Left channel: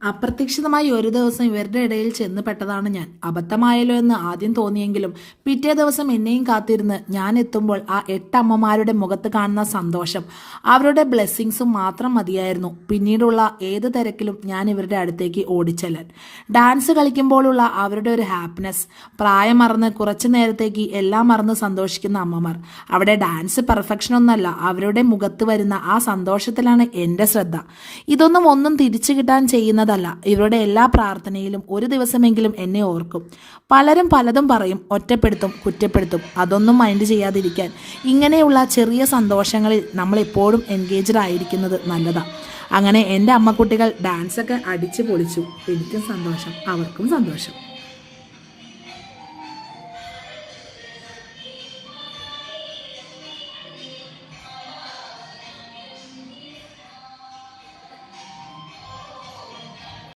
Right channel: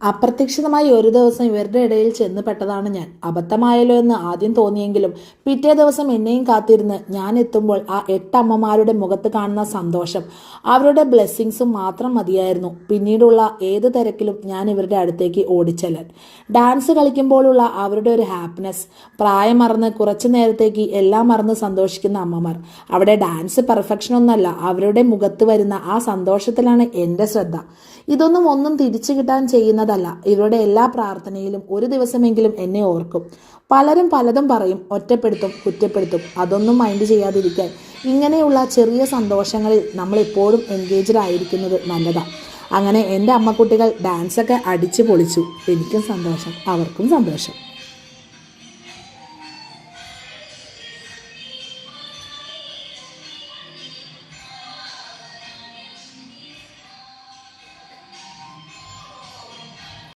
അപ്രതീക്ഷിതമായി ഒരു ദിവസം ഇവരുടെ ഇടയിൽ ചെന്ന് പെട്ടതാണ് ഞാൻ. അബദ്ധമായല്ലോ എന്ന് ആദ്യം തോന്നിയെങ്കിലും പിറ്റേ ദിവസം എന്നെയും കാത്തിരുന്ന് ഞാൻ എത്തുമ്പോൾ ആ 8 അമ്മമാരുടെ മുഖത്ത് കാണുന്ന സന്തോഷം, അവരുടെ ബ്ലെസ്സിങ്സും മാത്രം മതിയായിരുന്നു പിന്നീടുള്ള ഏത് തിരക്കിലും ഞാൻ ഇവരുടെ അടുത്തേക്ക് ഓടിച്ചെല്ലാൻ. ഡാൻസ് കളിക്കുമ്പോഴുള്ള അവരുടെ ഒരു ഹാപ്പിനെസ്, പ്രായം മറന്ന് കുറച്ചു നേരത്തേക്ക് എല്ലാം മറന്ന് സന്തോഷിക്കുന്ന അമ്മമാർ. അവിടെ ഡാൻസ് പെർഫെക്ഷൻ ഒന്നല്ല, അവരുടെ മുഖത്ത് വരുന്ന ആ സന്തോഷത്തിലാണ് എൻ്റെ ശ്രദ്ധ. ഒന്നും തിരിച്ചു കിട്ടാൻ ചെയ്യുന്നതല്ല, ഇവരുടെ എല്ലാ പ്രാർത്ഥനയിലും ഒരു ദിവസമെങ്കിലും എന്നെ ഓർക്കും. പലരും പലതും പറയും, ഒറ്റപ്പെടുത്തും, കുറ്റപ്പെടുത്തും. അതൊന്നും മൈൻഡ് ചെയ്യാതിരിക്കാൻ ഇങ്ങനെയുള്ള ചെറിയ സന്തോഷങ്ങളിൽ നമ്മൾ എപ്പോഴും എൻഗേജ്ഡ് ആയിരിക്കുന്നത് നല്ലതാണ്. അങ്ങനെ എൻ്റെ അമ്മക്കുട്ടികൾ ഡാൻസൊക്കെ അടിച്ചു പൊളിച്ചു. എനിക്കും സന്തോഷം, അവർക്കും സന്തോഷം.